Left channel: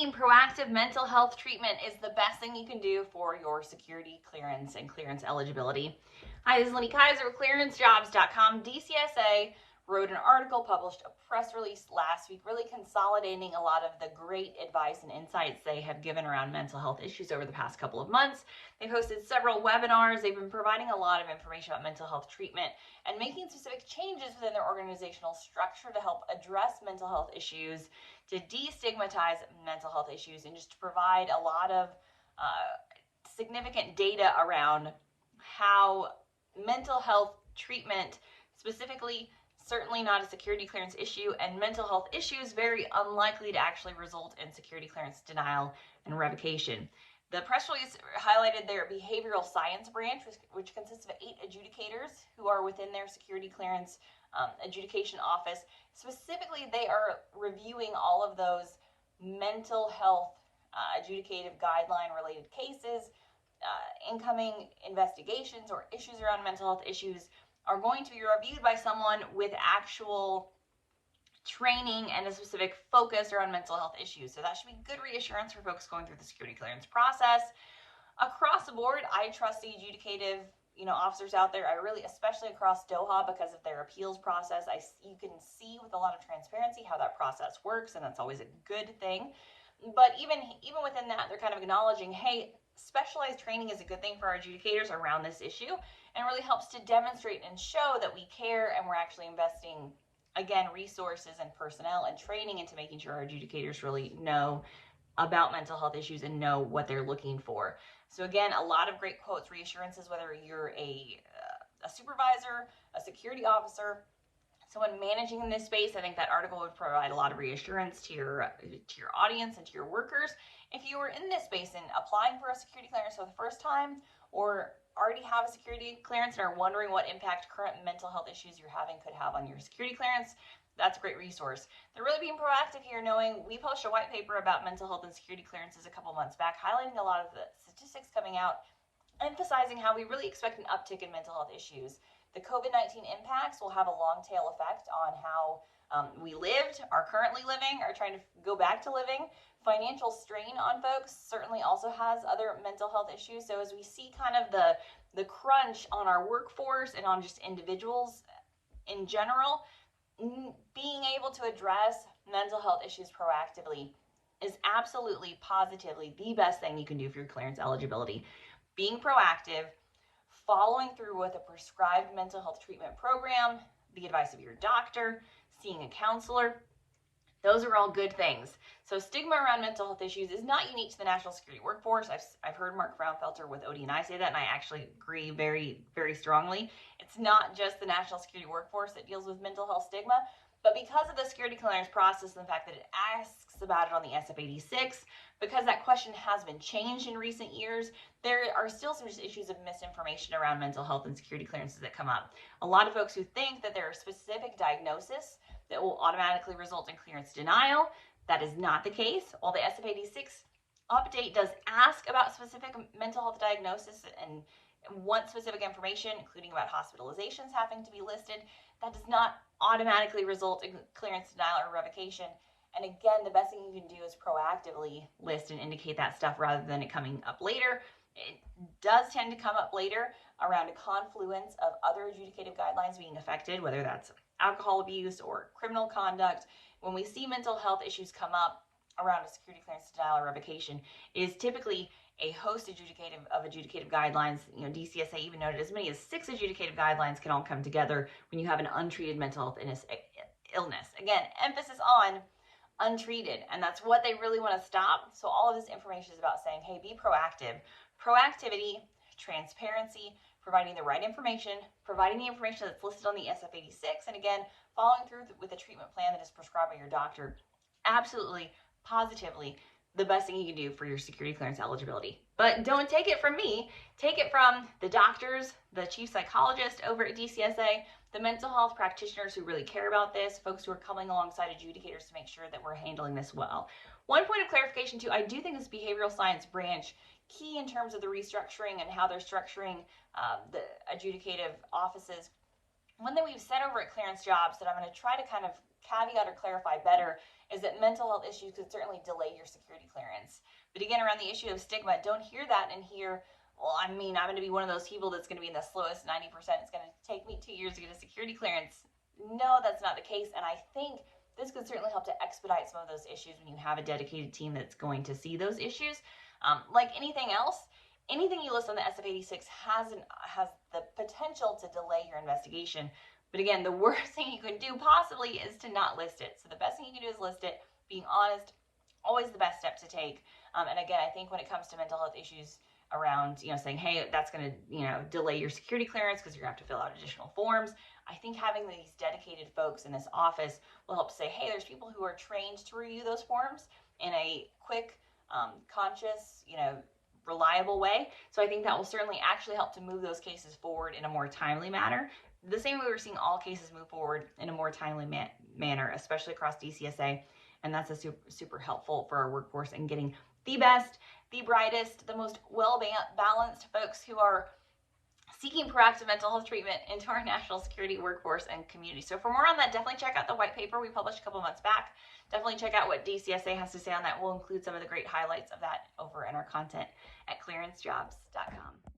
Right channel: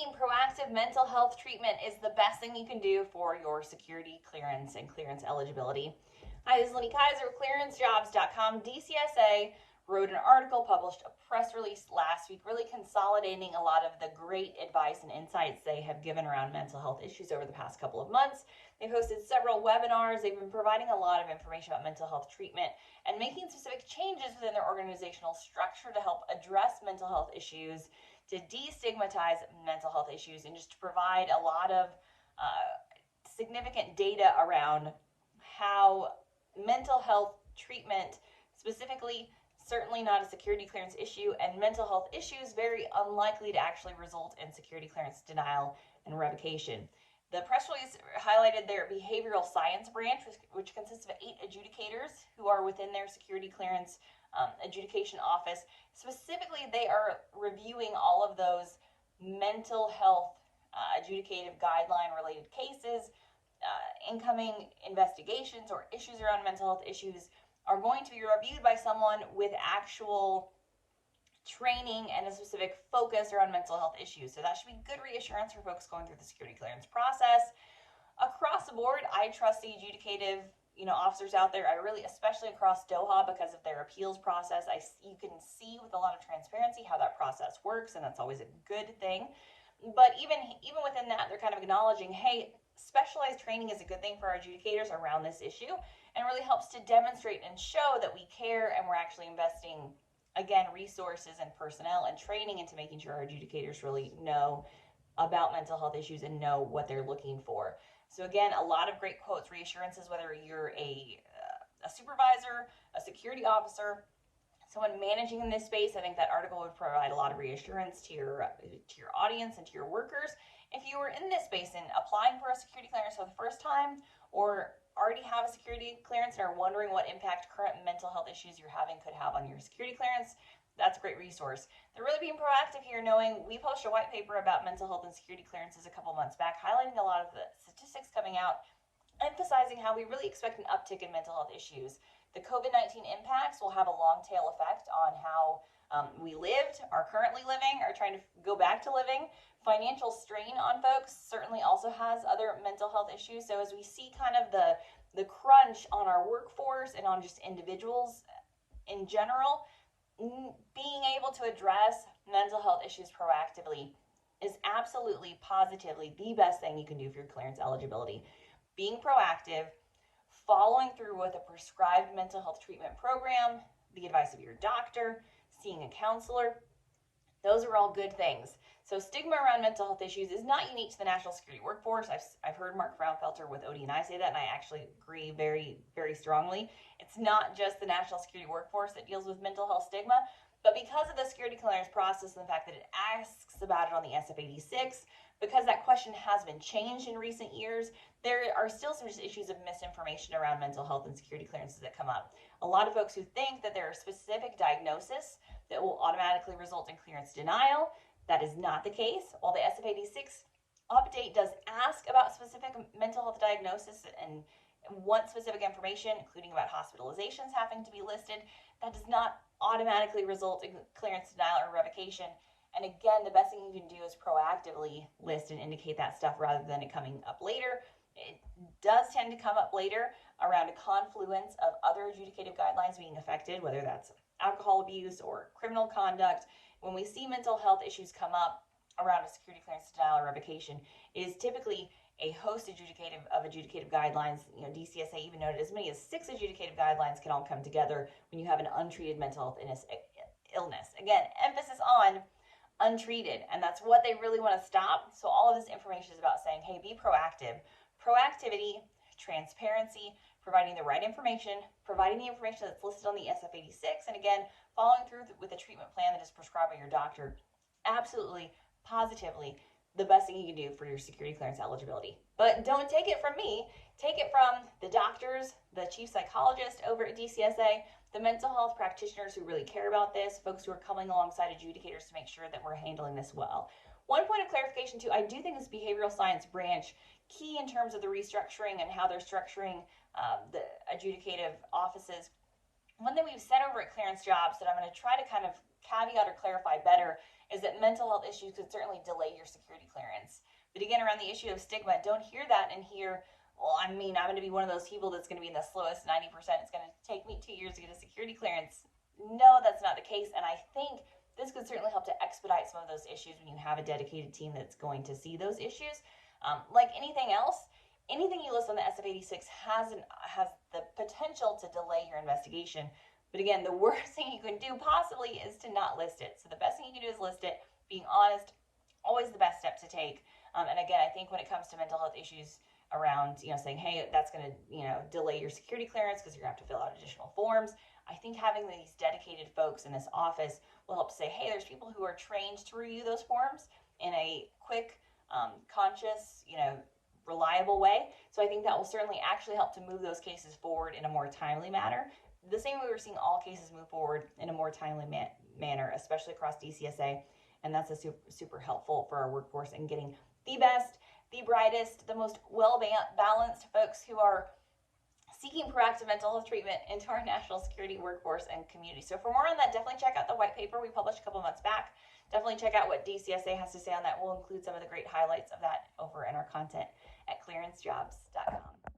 Taking proactive mental health treatment is the best thing you can do for your security clearance and clearance eligibility. Hi, this is Lenny Kaiser with clearancejobs.com. DCSA wrote an article, published a press release last week, really consolidating a lot of the great advice and insights they have given around mental health issues over the past couple of months. They've hosted several webinars. They've been providing a lot of information about mental health treatment and making specific changes within their organizational structure to help address mental health issues, to destigmatize mental health issues, and just to provide a lot of significant data around how mental health treatment, specifically, certainly not a security clearance issue, and mental health issues very unlikely to actually result in security clearance denial and revocation. The press release highlighted their behavioral science branch, which consists of 8 adjudicators who are within their security clearance adjudication office. Specifically, they are reviewing all of those mental health adjudicative guideline related cases. Incoming investigations or issues around mental health issues are going to be reviewed by someone with actual training and a specific focus around mental health issues. So that should be good reassurance for folks going through the security clearance process. Across the board, I trust the adjudicative officers out there. I really, especially across DOHA, because of their appeals process, you can see with a lot of transparency how that process works, and that's always a good thing. But even within that, they're kind of acknowledging, hey, specialized training is a good thing for our adjudicators around this issue, and really helps to demonstrate and show that we care and we're actually investing, again, resources and personnel and training into making sure our adjudicators really know about mental health issues and know what they're looking for. So again, a lot of great quotes, reassurances, whether you're a supervisor, a security officer, someone managing in this space. I think that article would provide a lot of reassurance to your audience and to your workers. If you were in this space and applying for a security clearance for the first time, or already have a security clearance and are wondering what impact current mental health issues you're having could have on your security clearance, that's a great resource. They're really being proactive here, knowing we published a white paper about mental health and security clearances a couple months back, highlighting a lot of the statistics coming out, emphasizing how we really expect an uptick in mental health issues. The COVID-19 impacts will have a long tail effect on how we lived, are currently living, are trying to go back to living. Financial strain on folks certainly also has other mental health issues. So as we see kind of the crunch on our workforce and on just individuals in general, being able to address mental health issues proactively is absolutely, positively the best thing you can do for your clearance eligibility. Being proactive, following through with a prescribed mental health treatment program, the advice of your doctor, seeing a counselor, those are all good things. So stigma around mental health issues is not unique to the national security workforce. I've heard Mark Fraunfelter with OD&I say that, and I actually agree very, very strongly. It's not just the national security workforce that deals with mental health stigma, but because of the security clearance process and the fact that it asks about it on the SF-86, because that question has been changed in recent years, there are still some issues of misinformation around mental health and security clearances that come up. A lot of folks who think that there are specific diagnoses that will automatically result in clearance denial. That is not the case. While the SF-86 update does ask about specific mental health diagnosis and want specific information, including about hospitalizations having to be listed, that does not automatically result in clearance denial or revocation. And again, the best thing you can do is proactively list and indicate that stuff rather than it coming up later. It does tend to come up later around a confluence of other adjudicative guidelines being affected, whether that's alcohol abuse or criminal conduct. When we see mental health issues come up around a security clearance denial or revocation, it is typically a host of adjudicative guidelines. DCSA even noted as many as 6 adjudicative guidelines can all come together when you have an untreated mental health illness. Again, emphasis on untreated, and that's what they really want to stop. So all of this information is about saying, hey, be proactive. Proactivity, transparency, providing the right information, providing the information that's listed on the SF-86, and again, following through with a treatment plan that is prescribed by your doctor. Absolutely, positively, the best thing you can do for your security clearance eligibility. But don't take it from me. Take it from the doctors, the chief psychologist over at DCSA, the mental health practitioners who really care about this, folks who are coming alongside adjudicators to make sure that we're handling this well. One point of clarification too, I do think this behavioral science branch, key in terms of the restructuring and how they're structuring the adjudicative offices. One thing we've said over at Clearance Jobs that I'm going to try to kind of caveat or clarify better is that mental health issues could certainly delay your security clearance. But again, around the issue of stigma, don't hear that and hear, well, I mean, I'm going to be one of those people that's going to be in the slowest 90%. It's going to take me 2 years to get a security clearance. No, that's not the case. And I think this could certainly help to expedite some of those issues when you have a dedicated team that's going to see those issues. Like anything else, anything you list on the SF-86 has the potential to delay your investigation. But again, the worst thing you can do possibly is to not list it. So the best thing you can do is list it. Being honest, always the best step to take. And again, I think when it comes to mental health issues around, saying, hey, that's going to, delay your security clearance because you're going to have to fill out additional forms. I think having these dedicated folks in this office will help say, hey, there's people who are trained to review those forms in a quick, conscious, reliable way. So I think that will certainly actually help to move those cases forward in a more timely manner. The same way we're seeing all cases move forward in a more timely manner, especially across DCSA. And that's a super helpful for our workforce in getting the best, the brightest, the most well-balanced folks who are seeking proactive mental health treatment into our national security workforce and community. So for more on that, definitely check out the white paper we published a couple months back. Definitely check out what DCSA has to say on that. We'll include some of the great highlights of that over in our content at clearancejobs.com.